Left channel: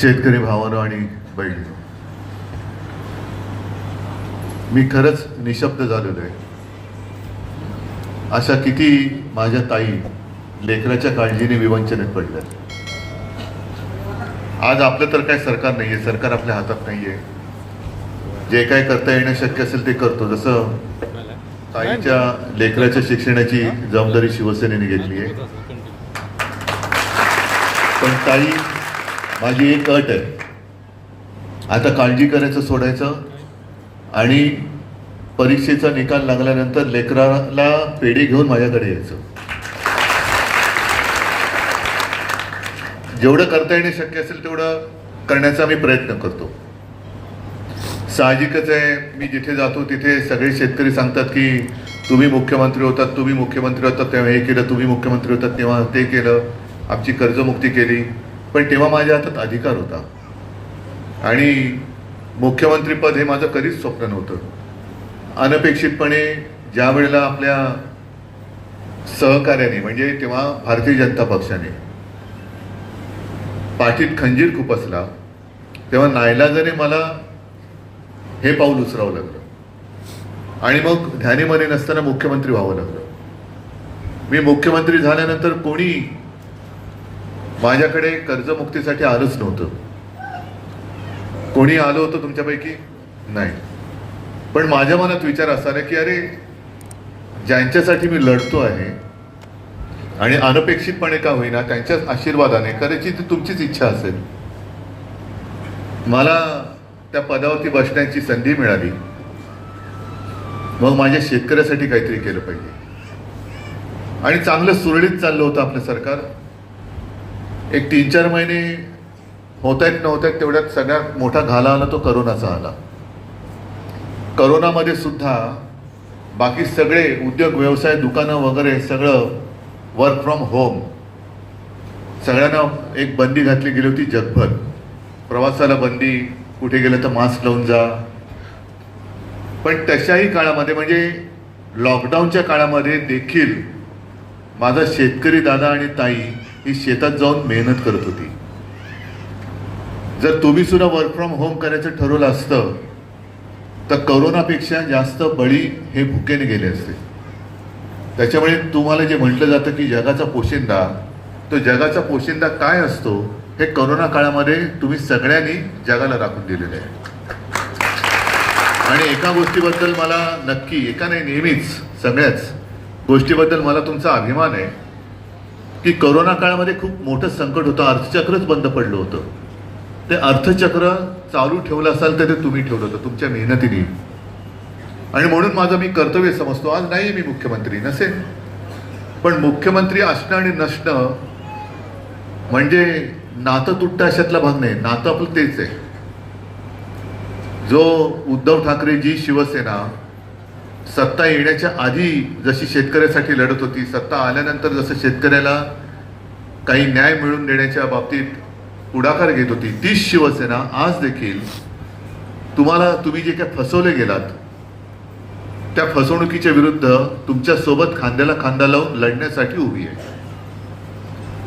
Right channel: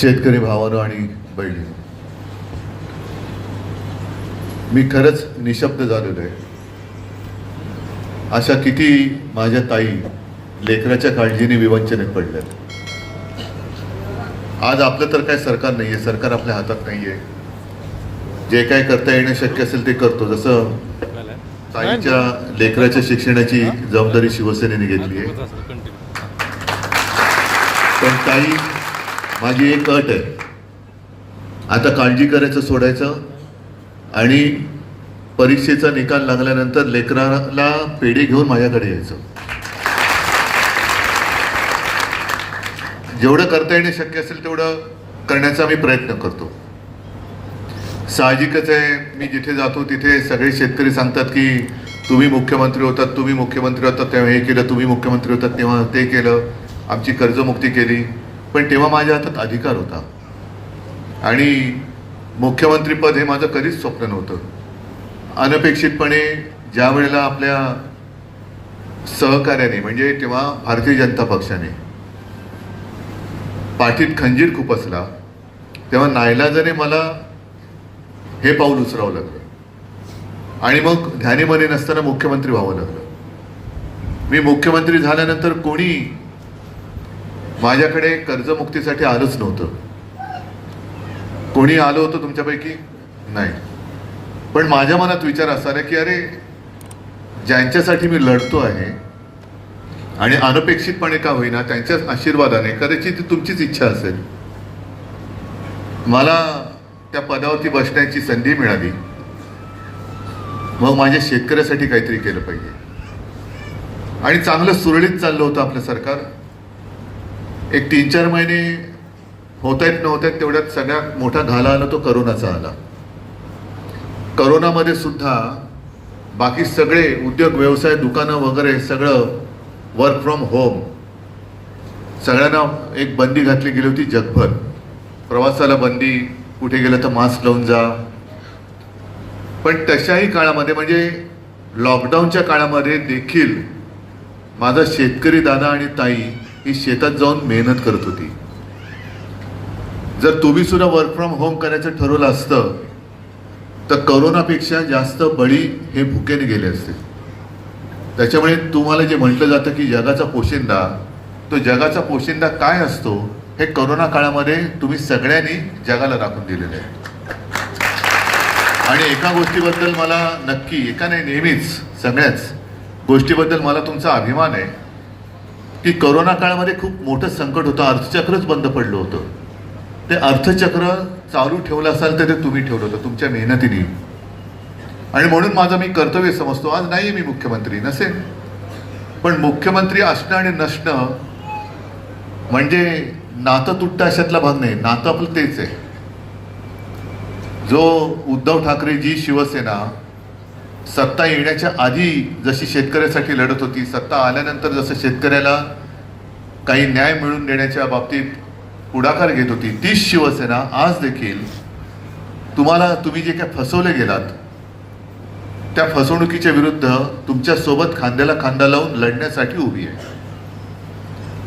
शेतकरी भावानो आणि बहिणी. मी खरंच निशब्द झालेलो आहे. अशा किती माझ्या ताई लेकराच्या काळजीने विवंचनेत पडल्यात. आज आपलं तर काय सरकार नाहीये सरकार आपल्या हातात नाहीये. जे काय करता येणं शक्य असेल ते करतो. जसं ताईच्या लेकराच्या शिक्षणाची जबाबदारी शिवसेनेने घेतली आहे. पण ताई माझी एक अट आहे. आता काळजी करायचं सोडायचं आणि परीक्षेचा निकाल लागल्यानंतर लेकराला पेढी घेऊन माझ्याकडे यायचं. जेवढं करता येणे शक्य असेल तेवढं करण्याचा मी प्रयत्न करतो. साहजिकच आहे मी जिथे जातो तिथे सगळे शेतकरी सांगतात की तुम्ही मुख्यमंत्री होतात तुम्ही मुख्यमंत्री होतात तेव्हा हे केलं तुम्ही मुख्यमंत्री होतात तेव्हा ते केलं आमची कर्जमुक्ती केली. पण तेव्हा माझ्या हातात अधिकार होता. आणि मुख्यमंत्रीपद हे माझं कधीच स्वप्न नव्हतं. अनपेक्षितपणे ज्या वेळेला आपल्या सहकार्याने म्हणजे तेव्हा भारतीय जनता पक्षाने पाठीत खंजीर खूप असला तेव्हा नायलाजाने मला हे पाऊल उचरावं लागलं. आणि मग ध्यानीमध्ये नसताना मुख्यमंत्री व्हावं लागलं. मी मुख्यमंत्री झाल्यानंतर कोणी माझ्याकडे कर्जमुक्तीसाठी आलंच नव्हतं. कोणी आलं होतं तुमच्यापैकी? नाही. पण माझ्या मनात विचार असा की अरे ज्यांच्यासाठी मी लढतो आहे आणि अनपेक्षितपणे का होईना त्यांच्याच आशीर्वादाने करायची ती तुमचीच इच्छा असेल. मला त्या पदावरती बसण्याची संधी मिळाली. मग माझ्या शेतकऱ्यासाठी काहीतरी केलं पाहिजे. आणि चांगलं सुरळीत चाललं होतं आपलं सरकार. एक तीन चार महिने होत आहेत नव्हत आहेत तेवढ्यात सगळ्यात मोठा घाला आला तो करोनाचा आला. करोनामध्ये सुद्धा बाकी सगळे उद्योग व्यवसाय दुकानं वगैरे सगळं वर्क फ्रॉम होम सगळ्यांना एक बंदी घातली गेली होती जगभर. प्रवासाला बंदी कुठे गेलं तर मास्क लावून जा. पण तशाही काळामध्ये म्हणजे लॉकडाऊनच्या काळामध्ये देखील माझा शेतकरी दादा आणि ताई ही शेतात जाऊन मेहनत करत होती. जर तुम्ही सुद्धा वर्क फ्रॉम होम करायचं ठरवलं असतं तर करोनापेक्षा जास्त बळी हे भुकेने गेले असते. त्याच्यामुळे तुम्हाला जे म्हटलं जातं की जगाचा पोशिंदा तो जगाचा पोशिंदा काय असतो हे करोना काळामध्ये तुम्ही सगळ्यांनी जगाला राखून दिलेलं आहे. आणि एका गोष्टीबद्दल मला नक्की एका नाही नेहमीच सगळ्याच गोष्टीबद्दल मला तुमचा अभिमान आहे. की करोना काळामध्ये खूप मोठं संकट होतं. अर्थचक्रच बंद पडलं होतं. ते अर्थचक्र चालू ठेवलं असाल तर ते तुम्ही ठेवलं होतं तुमच्या मेहनतीने. आणि म्हणून माझं मी कर्तव्य समजतो. आज नाही मी मुख्यमंत्री नसेल. पण मुख्यमंत्री असणं आणि नसणं म्हणजे नातं तुटतं अशातला भाग नाही. नातं आपलं तेच आहे. जो उद्धव ठाकरे जी शिवसेना सत्ता येण्याच्या आधी जशी शेतकऱ्यासाठी लढत होती सत्ता आल्यानंतर जसं शेतकऱ्याला काही न्याय मिळवून देण्याच्या बाबतीत पुढाकार घेत होती तीच शिवसेना आज देखील तुम्हाला तुम्ही जे काय फसवले गेलात त्या फसवणुकीच्या विरुद्ध तुमच्यासोबत खांद्याला खांदा लावून लढण्यासाठी उभी आहे.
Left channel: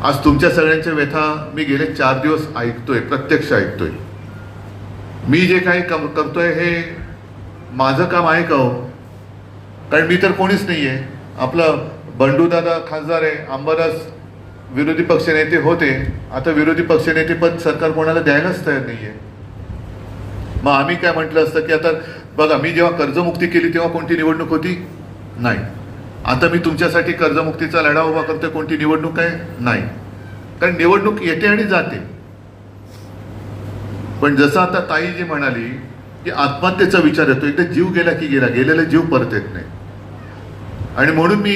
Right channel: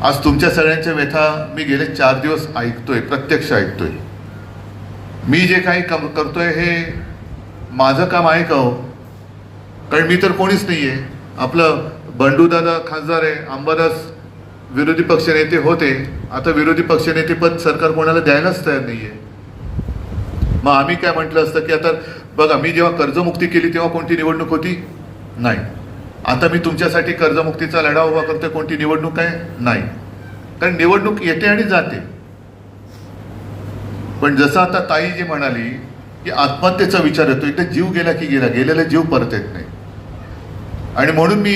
आज तुमच्या सगळ्यांच्या व्यथा मी गेले चार दिवस ऐकतोय प्रत्यक्ष ऐकतोय. मी जे काही काम करतोय हे माझं काम आहे का हो? कारण मी तर कोणीच नाही आहे आपलं बंडूदादा खासदार आहे अंबादास विरोधी पक्षनेते होते. आता विरोधी पक्षनेते पद सरकार कोणाला द्यायलाच तयार नाही आहे मग आम्ही काय म्हटलं असतं की आता बघा मी जेव्हा कर्जमुक्ती केली तेव्हा कोणती निवडणूक होती? नाही. आता मी तुमच्यासाठी कर्जमुक्तीचा लढा उभा करतोय कोणती निवडणूक आहे? नाही. कारण निवडणूक येते आणि जाते. पण जसं आता ताई जी म्हणाली की आत्महत्येचा विचार येतो एकदा जीव गेला की गेला गेलेला जीव परत येत नाही. आणि म्हणून मी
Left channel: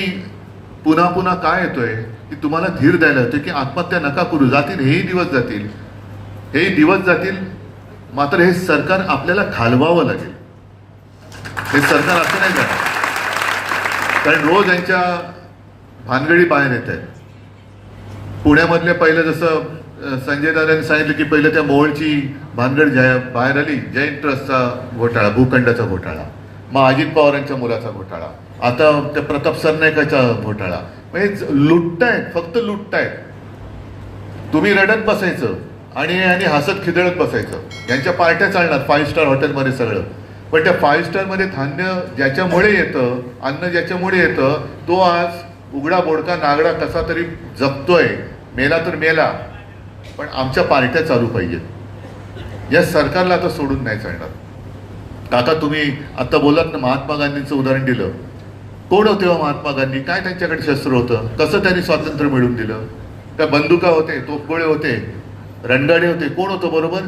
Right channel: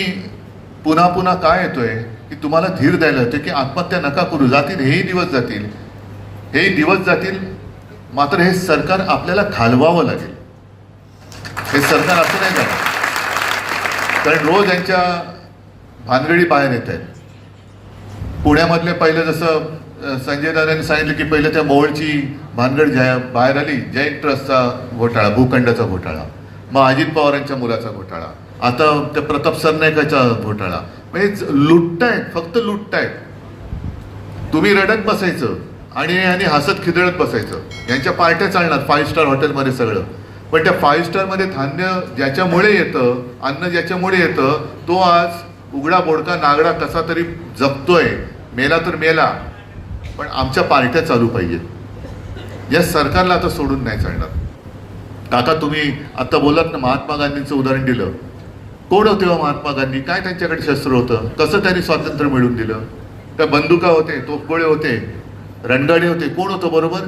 पुन्हा पुन्हा काय येतोय की तुम्हाला धीर द्यायला येतोय की आत्महत्या नका करू जातील हेही दिवस जातील. हेही दिवस जातील मात्र हे सरकार आपल्याला घालवावं लागेल. हे सरकार असं नाही जाणार कारण रोज यांच्या भानगडी बाहेर येत आहेत. पुण्यामधले पहिलं जसं संजय दादांनी सांगितलं की पहिलं त्या मोहोळची भानगड ज्या बाहेर आली जैन ट्रस्टचा घोटाळा भूखंडाचा घोटाळा मग अजित पवारांच्या मुलाचा घोटाळा. आता त्या प्रताप सरनाईकाचा घोटाळा? म्हणजे लुटतायत फक्त लुटतायत. तुम्ही रडत बसायचं आणि आणि हसत खिदळत बसायचं. यांच्या पार्ट्या चालणार फाईव्ह स्टार हॉटेलमध्ये सगळं. पण त्या फाईव्ह स्टारमध्ये धान्य ज्याच्यामुळे येतं अन्न ज्याच्यामुळे येतं तो आज उघडा बोडका नागडा कसा तरी जपतोय. मेला तर मेला. पण आमच्या पार्ट्या चालू पाहिजेत. या सरकारला आता सोडून नाही चालणार. आता तुम्ही आता बोलात ना महात्मा गांधींचं उदाहरण दिलं. कोण होते हो महात्मा गांधी? काय त्यांच्याकडे शस्त्र होतं? कसं त्यांनी स्वातंत्र्य मिळवून दिलं? त्या बंदुका होते तोफगोळे होते रणगाडे होते. कोण होतं बरोबर?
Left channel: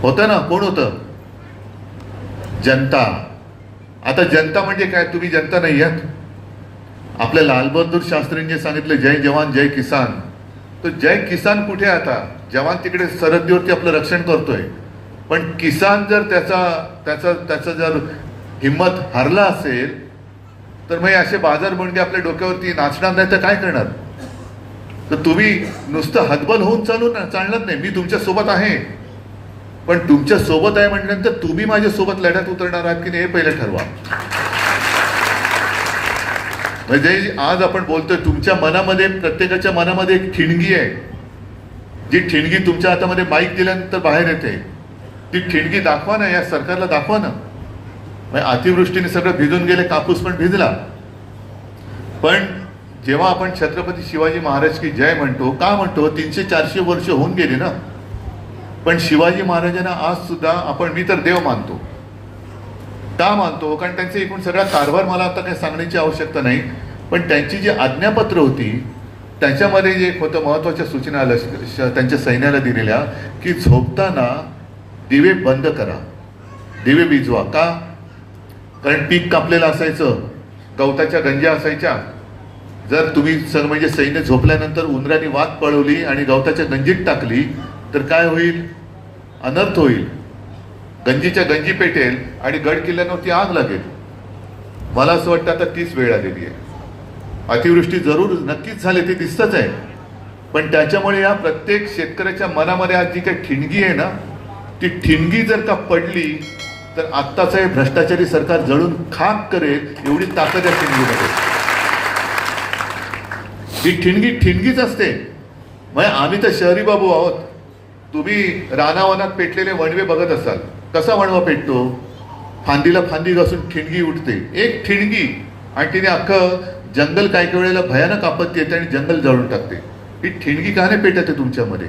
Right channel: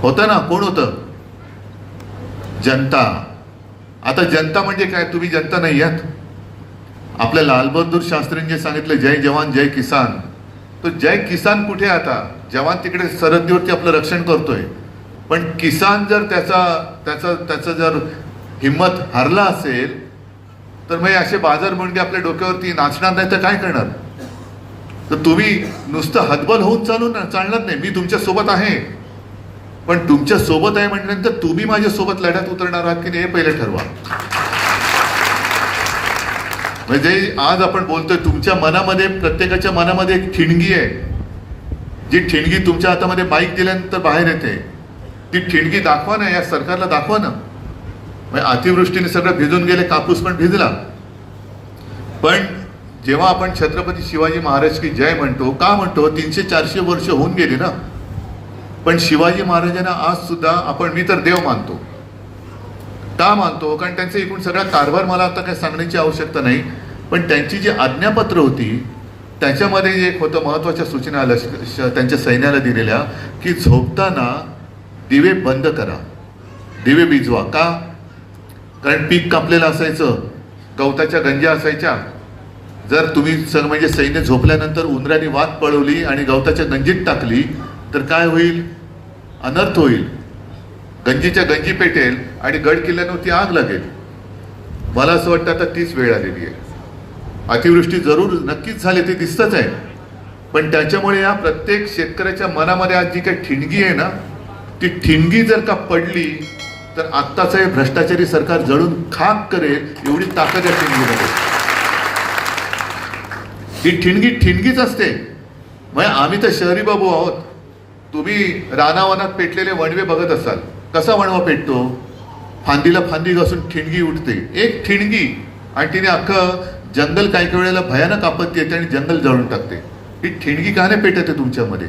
होतं ना? कोण होतं? जनता. आता जनता म्हणजे काय? तुम्ही जनता नाही आहात. आपल्या लालबहादूर शास्त्रींनी सांगितलं जय जवान जय किसान. तो जय किसान कुठे आहे आता? जवान तिकडे सरहद्दीवरती आपलं रक्षण करतोय. पण किसान जर त्याचा त्याचा त्याचा जर हिंमत हरला असेल तर मग असे बाजार मुंडके आपल्या डोक्यावरती नाचणार नाही तर काय करणार? तर तुम्ही नुसतं हतबल होऊन चालू ना चालणार नाही. मी तुमच्यासोबत आहे. पण तुमच्यासोबत आहे म्हटल्यानंतर तुम्ही माझ्या सोबत लढ्यात उतरणार आहात की नाही हे पहिले ठरवा. म्हणजे आज आपण बोलतोय तुमच्या मनामध्ये प्रत्येकाच्या मनामध्ये एक ठिणगी आहे. जी ठिणगी तुमच्या हातामध्ये बाईक दिल्यानंतर बाहेर येते. ती ठिणगी दाखवा ना या सरकारला दाखवा ना. म्हणजे अतिवृष्टीने सगळं भिजून गेले कापूस पण भिजला. पण जेव्हा आपण छत्रपती शिवाजी महाराज की जय म्हणतो का म्हणतो तीनशे चारशे वर्ष होऊन गेली ना. पण शिवाजी महाराजांना आज सुद्धा आपण मी तर देव मानतो. का मानतो? कारण त्यांचे एकूण सगळा कारभार मला आता काही सांगण्याची आवश्यकता नाही. पण त्यांची जी आज्ञापत्र होती त्याच्यामध्ये एक होतं महत्त्वाच्या सूचना आल्या श- त्यांच्या सैन्याला दिलेल्या की झोपताना दिवे बंद करा. दिवे भिजवा. का? कारण पीक कापलेलं असायचं गवताच्या गंज्या असायच्या. जर तुम्ही सर म्हणजे सैन्य झोपल्यानंतर उंदराने वात पळवली आणि गवताच्या गंजीत टाकली तर काय होईल? अनर्थ होईल. गंजीच्या गंजी पेटेल आणि गड किल्ल्यावरती आग लागेल. मला असं वाटतं आता तीच वेळ आलेली आहे. अतिवृष्टी जरूर नक्कीच झाली ते दिसतच आहे. पण त्याच्यामुळे या प्रत्येक शेतकऱ्याच्या मनामध्ये आज जी काही ठिणगी आहे ना ती ठिणगी जर का पडली तर आत्ताचं हे भ्रष्टाचारी सरकार जळून खाक करेल एवढी ताकद या ठिणगीमध्ये. ही ठिणगी ठिणगीच असते. म्हणजे आम्ही तर शहरी बाबू आहोत. तुम्ही रानावनात पेटलेले वणवे बघत असाल. कसा वणवा पेटतो? फांदीला फांदी घासून ठिणगी उठते एक ठिणगी आणि तिने अख्खं जंगल काही काही वेळेला भयानक आपत्ती येते आणि जंगल जळून टाकते. ही ठिणगी का नाही पेटते तुमच्यामध्ये?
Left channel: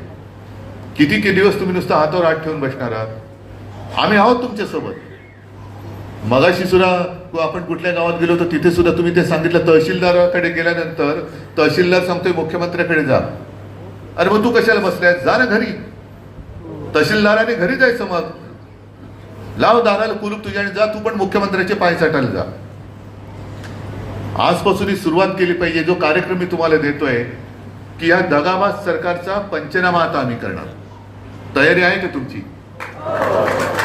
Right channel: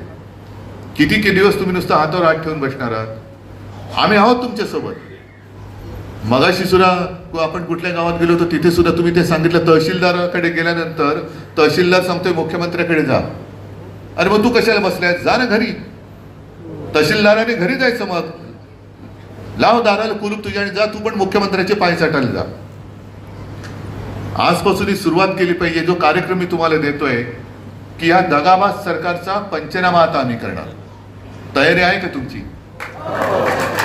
किती किती दिवस तुम्ही नुसतं हातावर हात ठेवून बसणार आहात? आम्ही आहोत तुमच्यासोबत. मगाशी सुद्धा आपण कुठल्या गावात गेलो होतो तिथे सुद्धा तुम्ही ते सांगितलं तहसीलदाराकडे गेल्यानंतर तहसीलदार सांगतोय मुख्यमंत्र्याकडे जा. अरे मग तू कशाला बसलाय जा ना घरी. तहसीलदाराने घरी जायचं मग. लाव दाराला कुलूप तुझ्या आणि जा तू पण मुख्यमंत्र्याचे पाय साठायला जा. आजपासून ही सुरुवात केली पाहिजे जो कार्यक्रम मी तुम्हाला देतोय की या दगाबाज सरकारचा पंचनामा आता आम्ही करणार. तयारी आहे का तुमची?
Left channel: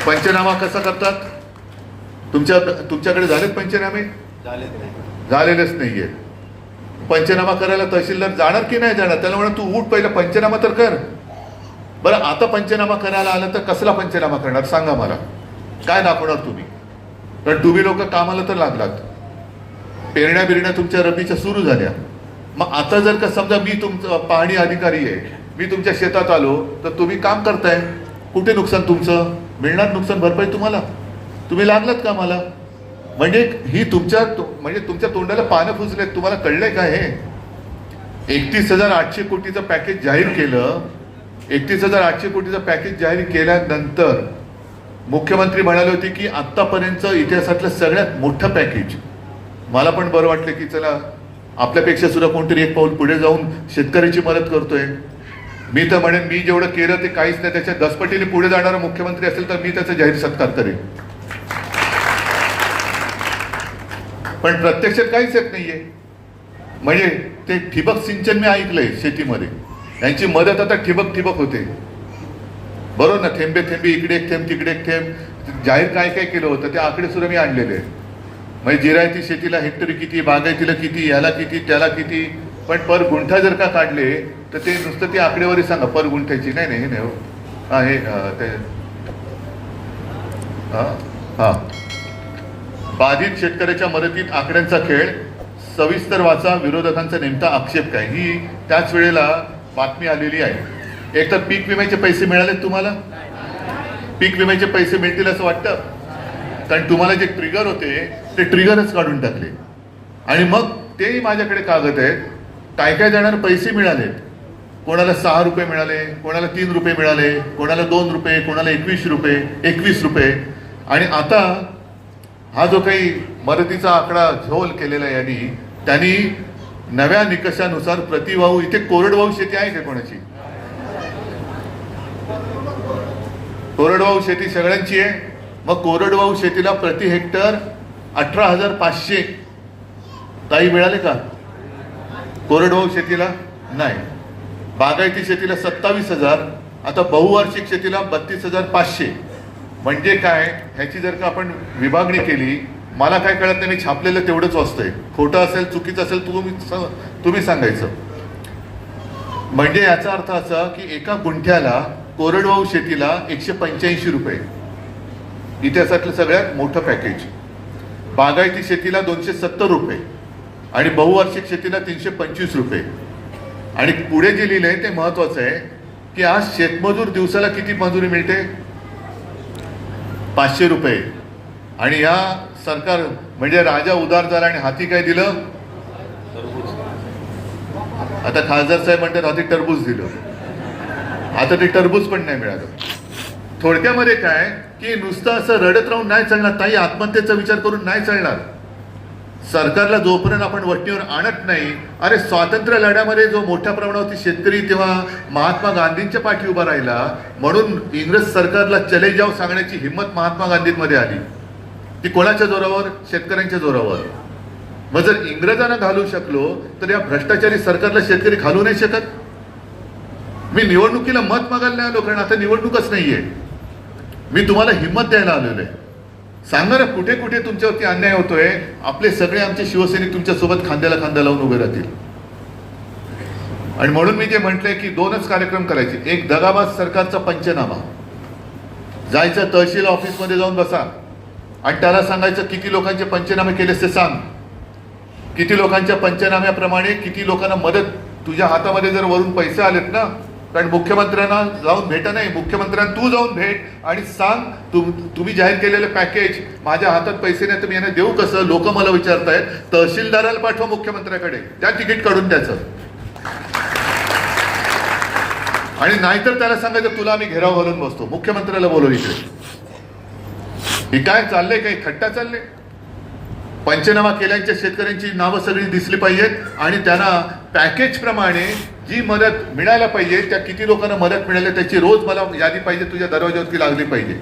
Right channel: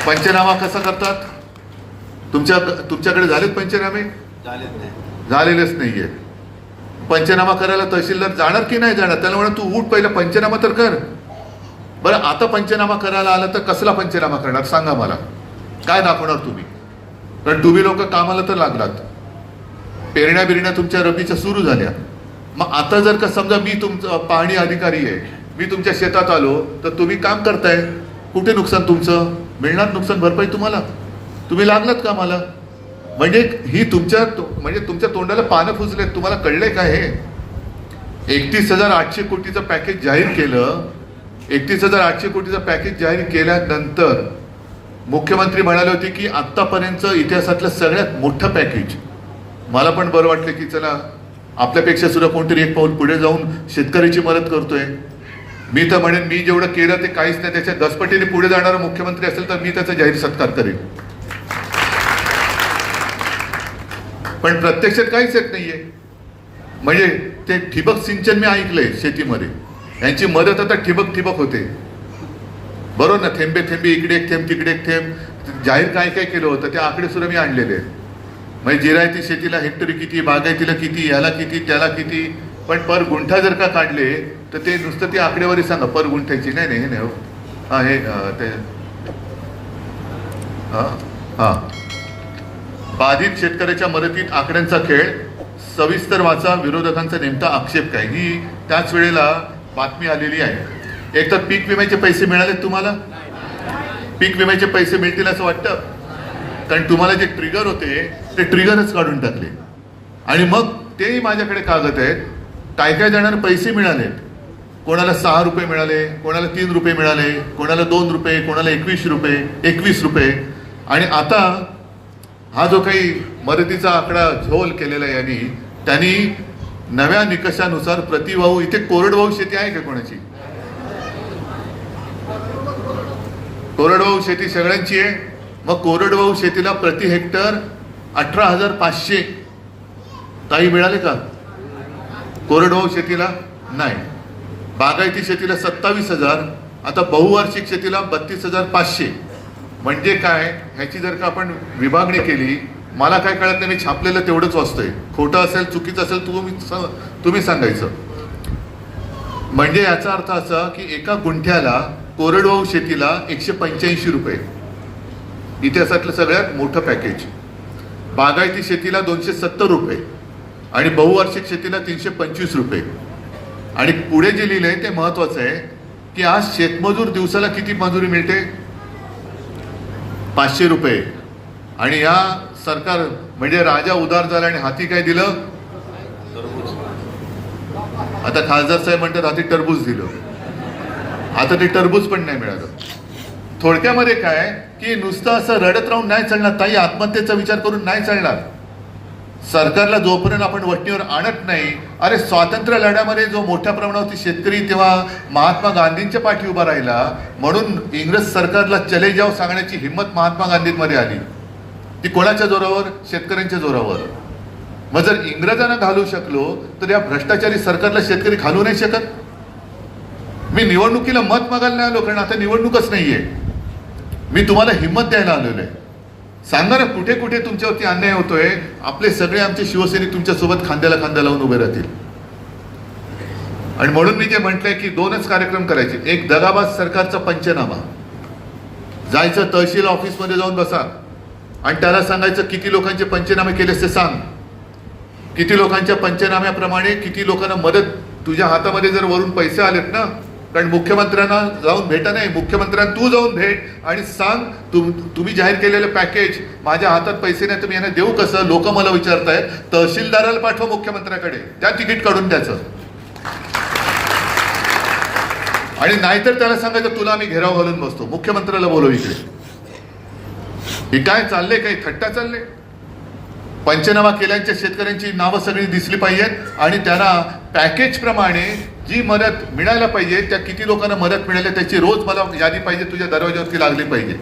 पंचनामा कसा करतात? तुमच्या तुमच्याकडे झालेत पंचनामे? झालेलेच नाहीये. पंचनामा करायला तहसीलदार जाणार की नाही जाणार? त्याला म्हणा तू उठ पहिलं पंचनामा तर कर. बरं आता पंचनामा करायला आलं तर कसला पंचनामा करणार? सांगा मला. काय दाखवणार तुम्ही? कारण तुम्ही लोक कामाला तर लागलात. पेरण्या बिरण्या तुमच्या रबीच्या सुरू झाल्या. मग आता जर का समजा मी तुमचं पाहणी अधिकारी आहे मी तुमच्या शेतात आलो तर तुम्ही काम करताय. कुठे नुकसान तुमचं? मिळणार नुकसान भरपाई तुम्हाला? तुम्ही लागलात का मला म्हणजे ही तुमच्या म्हणजे तुमच्या तोंडाला पानं फुजलेत तुम्हाला कळलंय का हे? एकतीस हजार आठशे कोटीचं पॅकेज जाहीर केलं. एकतीस हजार आठशे कोटीचं पॅकेज जाहीर केल्यानंतर मुख्यमंत्री म्हणाले होते की आतापर्यंत इतिहासातलं सगळ्यात मोठं पॅकेज मला पण बरं वाटलं की चला आपल्यापेक्षा सुद्धा कोणतरी एक पाऊल पुढे जाऊन शेतकऱ्याची मदत करतोय. मी तर म्हणेन मी जेवढं केलं ते काहीच नाही. त्याच्या दसपटीने पुढे जाणारा मुख्यमंत्री असेल तर मी त्याचा जाहीर सत्कार करेन. पण प्रत्यक्षात काहीच येत नाहीये. म्हणजे ते ठिबक सिंचन मी ऐकलंय शेतीमध्ये. यांची मदत आता ठिबक ठिबक होते. बरोबर ना? थेंबे थेंबे इकडे एक थेंब तिकडे एक थेंब. जाहीर काय काय केलं होतं ते आकडे सुद्धा मी आणलेले आहेत. म्हणजे जिरायती शेतीला हेक्टरी किती बागायतीला किती याला किती त्याला किती. पण पर गुंठा जर का काढले तर ते नुसतं ती आकडेवारी सांगा पर गुंठ्याची नाही नाही हे. नाही हो हे ते. हां बाधित शेतकऱ्याच्या मदतीत आकड्यांचा खेळ. सविस्तर वाचा विरोधकांचा नेमका आक्षेप काय? ही त्याच वेळेला बातमी आलेली आहे. एक तर पीक विम्याचे पैसे मिळालेत तुम्हाला? पीक विम्याचे पैसे मिळतील असं वाटतं? कारण तुम्हाला जे ट्रिगर होते ते ट्रिगरच काढून टाकले. आणि मग तेही माझ्याकडे कागद आहेत. काय काय देणार पैसे मिळाले कोणाला सहा रुपये मिळाले कोणाला तीन रुपये मिळाले कोणाला दोन रुपये कोणाला एकवीस रुपये एकवीस रुपये. आणि आता हा जो काही मदतीचा आकडा झोल केलेला आहे यांनी त्यांनी नव्या निकषानुसार प्रतिभाऊ इथे कोरडवाहू शेती आहे का कोणाची? कोरडवाहू शेती सगळ्यांची आहे. मग कोरडवाहू शेतीला प्रति हेक्टर अठरा हजार पाचशे. काही मिळाले का? कोरडवाहू शेतीला? नाही. बागायती शेतीला सत्तावीस हजार आता बहुवार्षिक शेतीला बत्तीस हजार पाचशे. म्हणजे काय? ह्याची जर का आपण विभागणी केली मला काय कळत नाही मी छापलेलं तेवढंच वाचतंय. खोटं असेल चुकीचं असेल तुम्ही तुम्ही सांगायचं. म्हणजे याचा अर्थ असा की एका गुंठ्याला कोरडवाहू शेतीला एकशे पंच्याऐंशी रुपये. इतिहासातलं सगळ्यात मोठं पॅकेज. बागायती शेतीला दोनशे सत्तर रुपये आणि बहुवार्षिक शेतीला तीनशे पंचवीस रुपये. आणि पुढे जे लिहिलंय ते महत्वाचं आहे की आज शेतमजूर दिवसाला किती मजुरी मिळते? पाचशे रुपये. आणि या सरकार म्हणजे राजा उदार झाला आणि हाती काय दिलं? आता खासदार साहेब म्हणतात हाती टरबूज दिलं. आता ते टरबूज पण नाही मिळालं. थोडक्यामध्ये काय की नुसतं असं रडत राहून नाही चालणार ताई आत्महत्येचा विचार करून नाही चालणार. सरकारला जोपर्यंत आपण वट्टीवर आणत नाही अरे स्वातंत्र्य लढ्यामध्ये जो मोठ्या प्रमाणावरती शेतकरी तेव्हा महात्मा गांधींच्या पाठी उभा राहिला म्हणून इंग्रज सरकारला चले जाव सांगण्याची हिंमत महात्मा गांधींमध्ये आली. ती कोणाच्या जोरावर? शेतकऱ्यांच्या जोरावर. मग जर इंग्रजांना घालू शकलो तर या भ्रष्टाचारी सरकारला शेतकरी घालू नाही शकत? मी निवडणुकीला मत मागायला नाही आलो कारण आता निवडणूकच नाहीये. मी तुम्हाला हिंमत द्यायला आलेलो आहे. सांगा ना कुठे कुठे तुमच्यावरती अन्याय होतोय आपले सगळे आमचे शिवसैनिक तुमच्यासोबत खांद्याला खांदा लावून उभे राहतील. आणि म्हणून मी जे म्हटलंय की दोनच कार्यक्रम करायचे. एक दगाबाज सरकारचा पंचनामा. जायचं तहसील ऑफिसमध्ये जाऊन बसा. आणि त्याला सांगायचं किती लोकांचे पंचनामे केलेस ते सांग. किती लोकांच्या पंचनाम्याप्रमाणे किती लोकांना मदत तुझ्या हातामध्ये जर वरून पैसे आलेत ना कारण मुख्यमंत्र्यांना जाऊन भेटा नाही. मुख्यमंत्र्यांना तू जाऊन भेट आणि सांग तुम तुम्ही जाहीर केलेले पॅकेज माझ्या हातात पैसे नाही तुम्ही यांना देऊ कसं? लोक मला विचारतायत. तहसीलदाराला पाठवा मुख्यमंत्र्याकडे. त्या तिकीट काढून द्यायचं. आणि नाहीतर त्याला सांगायचं तुला आम्ही घेराव घालून बसतो. मुख्यमंत्र्याला बोलव इकडे. हे काय चाललंय? काही थट्टा चालले पंचनामा केल्यांच्या शेतकऱ्यांची नावं सगळी दिसली पाहिजेत आणि त्यांना पॅकेजप्रमाणे जी मदत मिळायला पाहिजे त्या किती लोकांना मदत मिळाली त्याची रोज मला यादी पाहिजे तुझ्या दरवाज्यावरती लागली पाहिजे.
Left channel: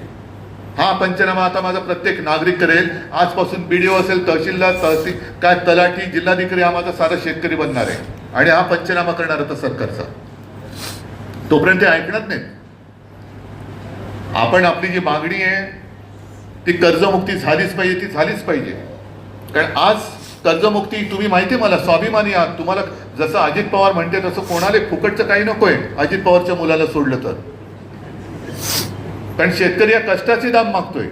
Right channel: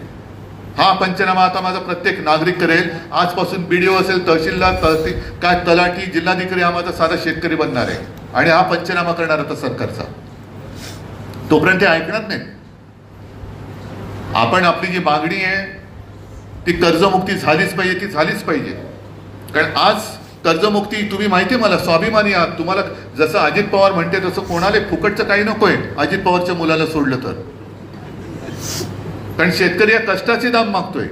हा पंचनामा आता माझा प्रत्येक नागरिक करेल. आजपासून बी डी ओ असेल तहसीलदार तहसील काय तलाठी जिल्हाधिकारी हा माझा सारा शेतकरी बनणार आहे. आणि हा पंचनामा करणार होता सरकारचा. तोपर्यंत ते ऐकणार नाही आपण आपली जी मागणी आहे ती कर्जमुक्ती झालीच पाहिजे ती झालीच पाहिजे. कारण आज कर्जमुक्ती तुम्ही माहिती आहे मला स्वाभिमानी आहात. तुम्हाला जसं अजित पवार म्हणते तसं कोणाला फुकटचं काही नकोय अजित पवारच्या मुलाला सोडलं तर. कारण शेतकरी या कष्टाचे दाम मागतोय.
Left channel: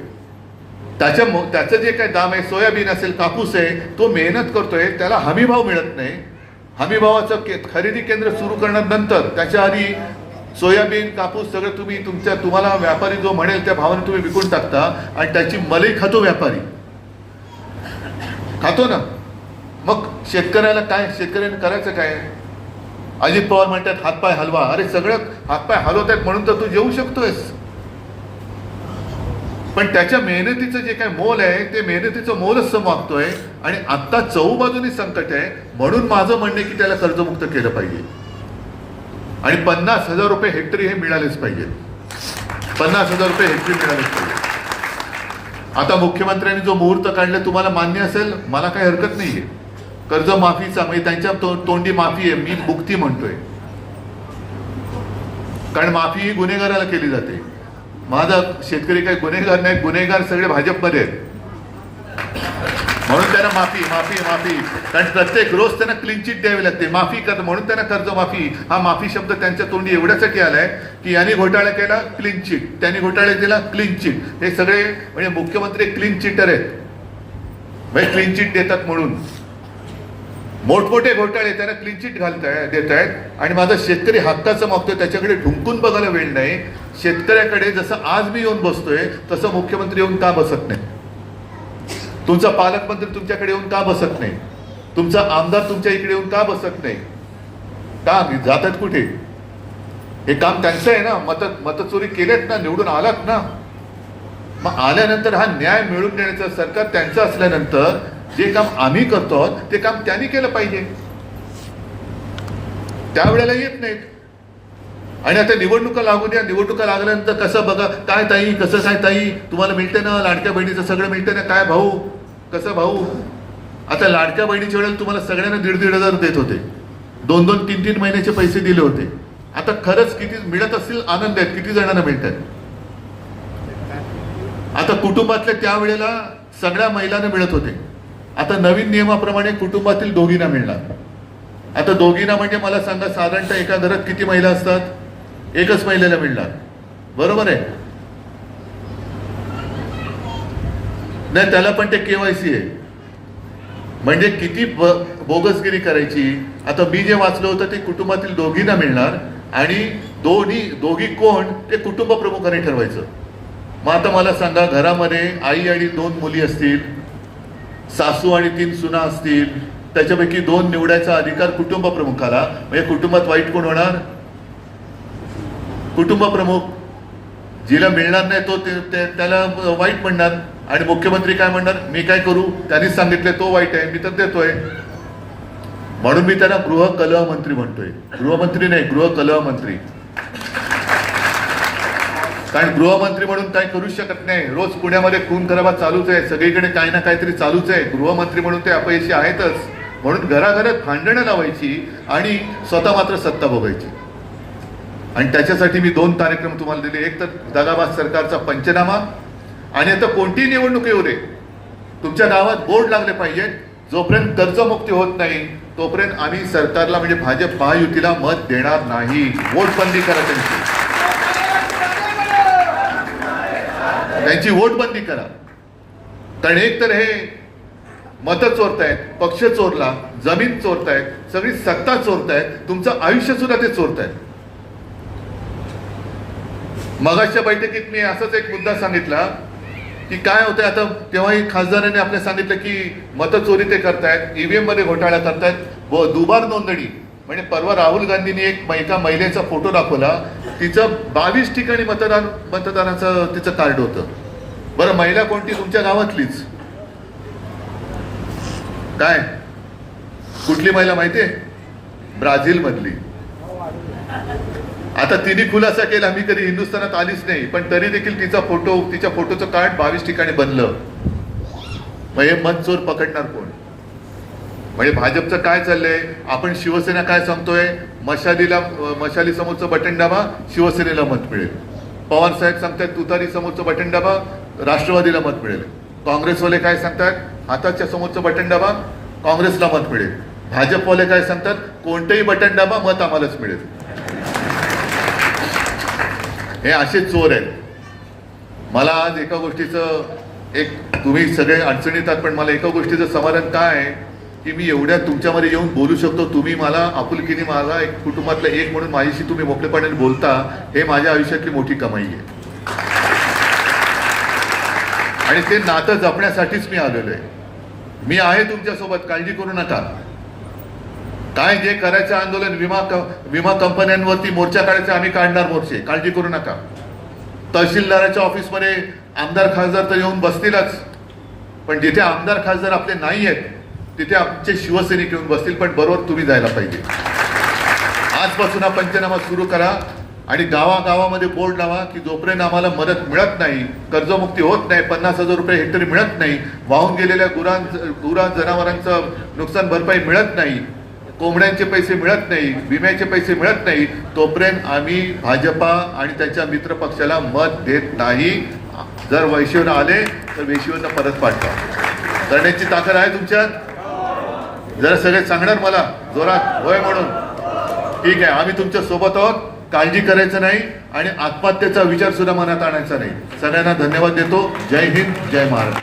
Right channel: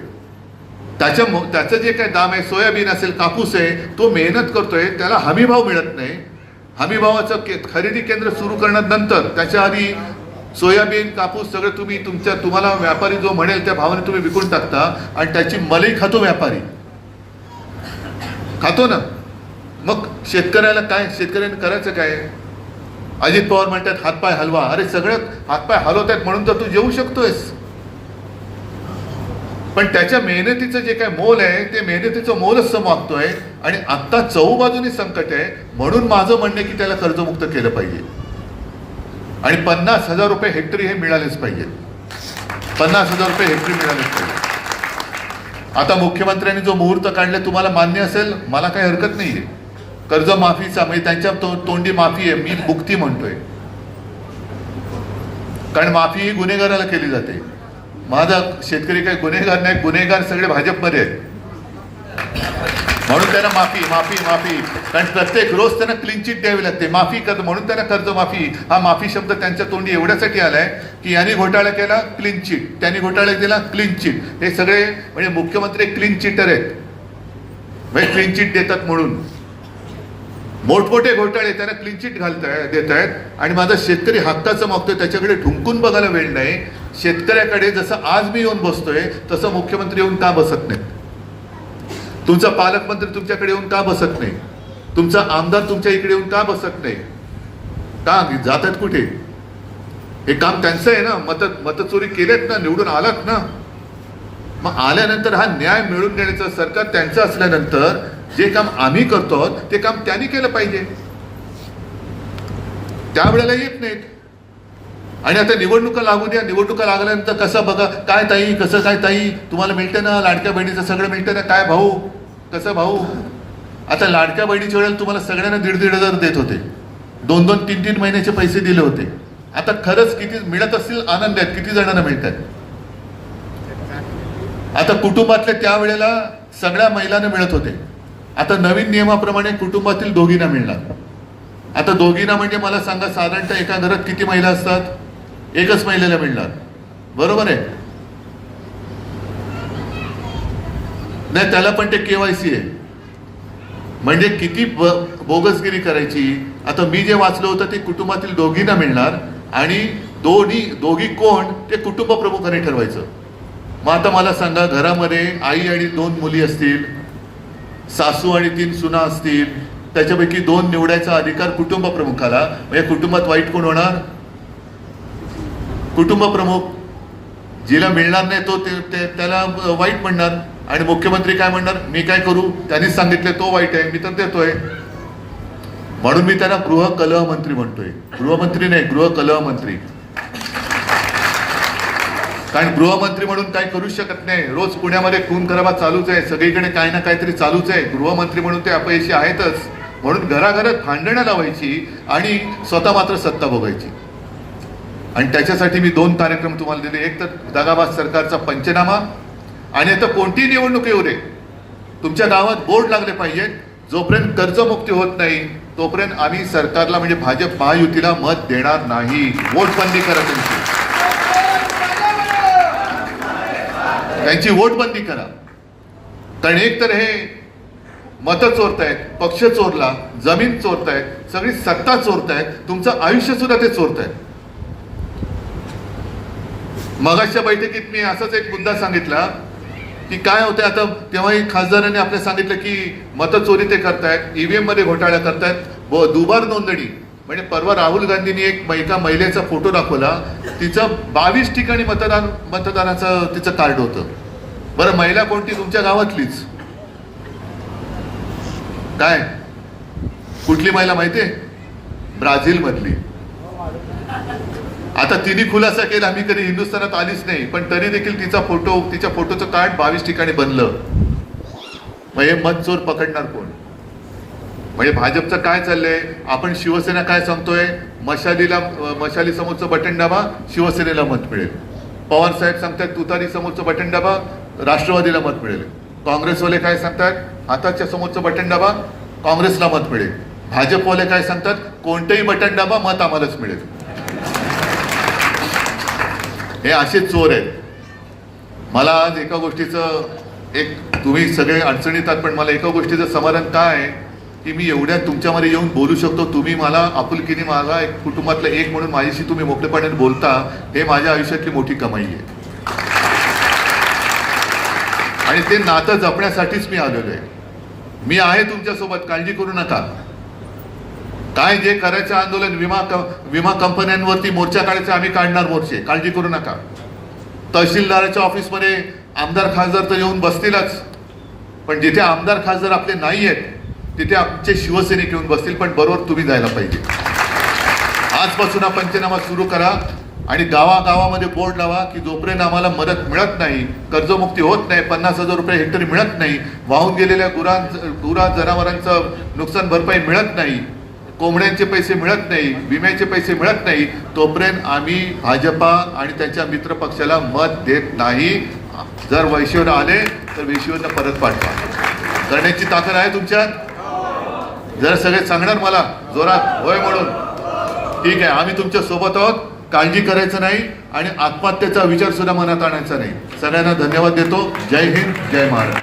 त्याच्या त्याचं जे काही दाम आहे सोयाबीन असेल कापूस आहे तो मेहनत करतोय त्याला हमीभाव मिळत नाही. हमीभावाचं के- खरेदी केंद्र सुरू करण्यानंतर त्याच्या आधी सोयाबीन कापूस सगळं तुम्ही तुमच्या तुम्हाला व्यापारी जो म्हणेल त्या भावाने तुम्ही विकून टाकता आणि त्याची मलई खातो व्यापारी. खातो ना? मग शेतकऱ्याला काय? शेतकऱ्याने करायचं काय? अजित पवार म्हणतात हातपाय हलवा. अरे सगळं हातपाय हलवतात म्हणून तर तू जेवू शकतोयस. पण त्याच्या मेहनतीचं जे काय मोल आहे ते मेहनतीचं मोलच समागतोय आणि आत्ता चहू बाजूने संकट आहे म्हणून माझं म्हणणं आहे की त्याला कर्जमुक्त केलं पाहिजे. आणि पन्नास हजार रुपये हेक्टरी हे मिळालेच पाहिजेत. पन्नास हजार रुपये हेक्टरी मिळालेच पाहिजे आता मुख्यमंत्र्यांनी जो मुहूर्त काढला तुम्हाला मान्य असेल? मला काही हरकत नाहीये. कर्जमाफीचा म्हणजे त्यांच्या तो- तोंडी माफी आहे मी मुक्ती म्हणतोय. कारण माफी ही गुन्हेगाराला केली जाते. माझा शेतकरी काही गुन्हेगार नाही गुन्हेगार सगळे भाजपमध्ये आहेत. म्हणून त्यांना माफी माफी माफी. कारण प्रत्येक रोज त्यांना क्लीन चिट द्यावी लागते माफी कर म्हणून त्यांना कर्जमाफी. हा माफी शब्द त्यांच्या तोंडी एवढ्यासाठी आलाय की यांनी घोटाळा केला क्लीन चिट त्यांनी घोटाळा केला क्लीन चिट हे सगळे म्हणजे मुख्यमंत्री क्लीन चिटर आहेत. म्हणजे क्लीन चिट देतात म्हणून. मोठमोठे घोटाळे त्यांना क्लीन चिट घालताय देत आहेत आणि माझा शेतकरी हक्काचं मागतोय त्याच्याकडे ढुंकून बघायला वेळ नाही. शेतकऱ्याकडे जसं आज मी येऊन बसतोय तसं मुख्यमंत्री येऊन का बसत नाही तुमचा पालकमंत्री तुमच्याकडे येऊन का बसत नाही? तुमचा आमदार तुमच्या इकडे येऊन का बसत नाही? का? जातात कुठे? हे काम त्यांचं आहे ना. मत मतचोरी केलेत ना निवडून आलात ना. मग आल्यानंतर हा न्याय मिळवून देण्याचं सरकार त्यांचं असल्यानंतर जे काम आम्ही करतो आहोत ते काम त्यांनी केलं पाहिजे. त्यावेळेला येत नाहीत. आणि आता निवडणुका लागू द्या. निवडणुका लागल्यानंतर कसं बघा काय ताई कसं काय ताई? तुम्हाला मिळतं ना लाडक्या बहिणीचं सगळं मिळतं ना? काय भाऊ? कसं भाऊ? आता लाडक्या बहिणीच्या वेळेला तुम्हाला सगळ्यांना दीड दीड हजार देत होते. दोन दोन तीन तीन महिन्याचे पैसे दिले होते. आता खरंच किती मिळत असतील आनंद आहेत. किती जणांना मिळतात आता कुटुंबातल्या त्यावेळेला सगळ्या महिलांना मिळत होते. आता नवीन नियमाप्रमाणे कुटुंबातील दोघींना मिळणार. आता दोघींना म्हणजे मला सांगा साधारणतः एका घरात किती महिला असतात? एकच महिलेला मिळणार. बरोबर आहे? नाही त्याला पण ते केवायसी आहे. म्हणजे किती ब- बोगसगिरी करायची? आता मी जे वाचलं होतं ते कुटुंबातील दोघींना मिळणार आणि दोन्ही दोघी कोण ते कुटुंब प्रमुखाने ठरवायचं. मग आता मला सांगा घरामध्ये आई आणि दोन मुली असतील सासू आणि तीन सुना असतील त्याच्यापैकी दोन निवडायचा अधिकार कुटुंब प्रमुखाला. म्हणजे कुटुंबात वाईट कोण होणार? कुटुंब प्रमुख जिला मिळणार नाही तो त्याला वाईट म्हणणार. आणि मुख्यमंत्री काय म्हणणार? मी काय करू? त्यांनीच सांगितले तो वाईट आहे मी तर देतोय. म्हणून मी त्यांना गृह कलह मंत्री म्हणतोय. गृहमंत्री नाही गृह कलह मंत्री कारण गृहमंत्री म्हणून काय करू शकत नाही. रोज पुण्यामध्ये खून खराबा चालूच आहे. सगळीकडे काही ना काहीतरी चालूच आहे. गृहमंत्री म्हणून ते अपयशी आहेतच. म्हणून घराघरात भांडणं लावायची आणि स्वतः मात्र सत्ता बघायची आणि त्याच्यासाठी मी दोन कार्यक्रम तुम्हाला दिले. एक तर दगाबाद सरकारचा पंचनामा आणि आता कोणतीही निवडणूक येऊ दे तुमच्या गावात बोर्ड लागले पाहिजेत. जोपर्यंत कर्जमुक्ती होत नाही तोपर्यंत आम्ही सरकारला म्हणजे भाजप महायुतीला मत देणार नाही. वोट बंदी करा त्यांची. त्यांची वोट बंदी करा. कारण एक तर हे मत चोरतायत पक्ष चोरला जमीन चोरतायत सगळी सत्ता चोरतायत तुमचं आयुष्य सुद्धा ते चोरतायत. मगाशच्या बैठकीत मी असाच एक मुद्दा सांगितला की काय होते आता तेव्हाही खासदारांनी आपल्या सांगितलं की मतचोरी ते करतायत ईव्हीएममध्ये घोटाळा करतायत. व दुबार नोंदणी म्हणजे परवा राहुल गांधींनी एक एका महिलेचा फोटो दाखवला. तिचं बावीस ठिकाणी मतदान मतदानाचं तिचं कार्ड होतं. बरं महिला कोणती? तुमच्या गावातलीच. काय? कुठली महिला माहितीये? ब्राझील मधली आता तिने खुलासा केला. मी कधी हिंदुस्थानात आलीच नाही पण तरी देखील तिचा फोटो तिच्या फोटोचं कार्ड बावीस ठिकाणी बनलं. मग हे मनचोर पकडणार कोण? म्हणजे भाजपचं काय चाललंय? आपण शिवसेना काय सांगतोय? मशालीला मशाली समोरचं बटन दाबा शिवसेनेला मत मिळेल. पवार साहेब सांगतात तुतारी समोरचं बटन दाबा राष्ट्रवादीला मत मिळेल. काँग्रेसवाले काय सांगतात? हाताच्या समोरचं बटन दाबा काँग्रेसला मत मिळेल. भाजपवाले काय सांगतात? कोणतंही बटन दाबा मत आम्हालाच मिळेल. हे असे चोर आहेत. मला आज एका गोष्टीचं एक तुम्ही सगळे अडचणीत आहात पण मला एका गोष्टीचं समाधान काय आहे? की मी एवढ्या तुमच्यामध्ये येऊन बोलू शकतो. तुम्ही मला आपुलकीने मला एक कुटुंबातलं एक म्हणून माझ्याशी तुम्ही मोकळेपणाने बोलता हे माझ्या आयुष्यातली मोठी कमाई आहे. आणि ते नातं जपण्यासाठीच मी आलेलो आहे. मी आहे तुमच्यासोबत काळजी करू नका. काय जे करायचं आंदोलन विमा विमा कंपन्यांवरती मोर्चा काढायचा आम्ही काढणार मोर्चे काळजी करू नका. तहसीलदाराच्या ऑफिसमध्ये आमदार खासदार तर येऊन बसतीलच. पण जिथे आमदार खासदार आपले नाही आहेत तिथे आमचे शिवसैनिक येऊन बसतील पण बरोबर तुम्ही जायला पाहिजे. आजपासून हा पंचनामा सुरू करा आणि गावागावामध्ये बोर्ड लावा की जोपर्यंत आम्हाला मदत मिळत नाही कर्जमुक्ती होत नाही पन्नास हजार रुपये हेक्टरी मिळत नाही वाहून गेलेल्या गुरां गुरा जनावरांचं नुकसान भरपाई मिळत नाही कोंबड्यांचे पैसे मिळत नाही विम्याचे पैसे मिळत नाही तोपर्यंत आम्ही भाजपा आणि त्यांच्या मित्र पक्षाला मत देत नाही. जर वैशिवर आले तर वैशिवरनं परत पाठवा. करण्याची ताकद आहे तुमच्यात? जर सगळे सांगणार मला जोरात होय म्हणून. ठीक आहे आम्ही तुमच्यासोबत आहोत काळजी करायचं नाही आणि आत्महत्येचा विचार सुद्धा मनात आणायचा नाही. सगळ्यांना धन्यवाद देतो. जय हिंद जय महाराष्ट्र.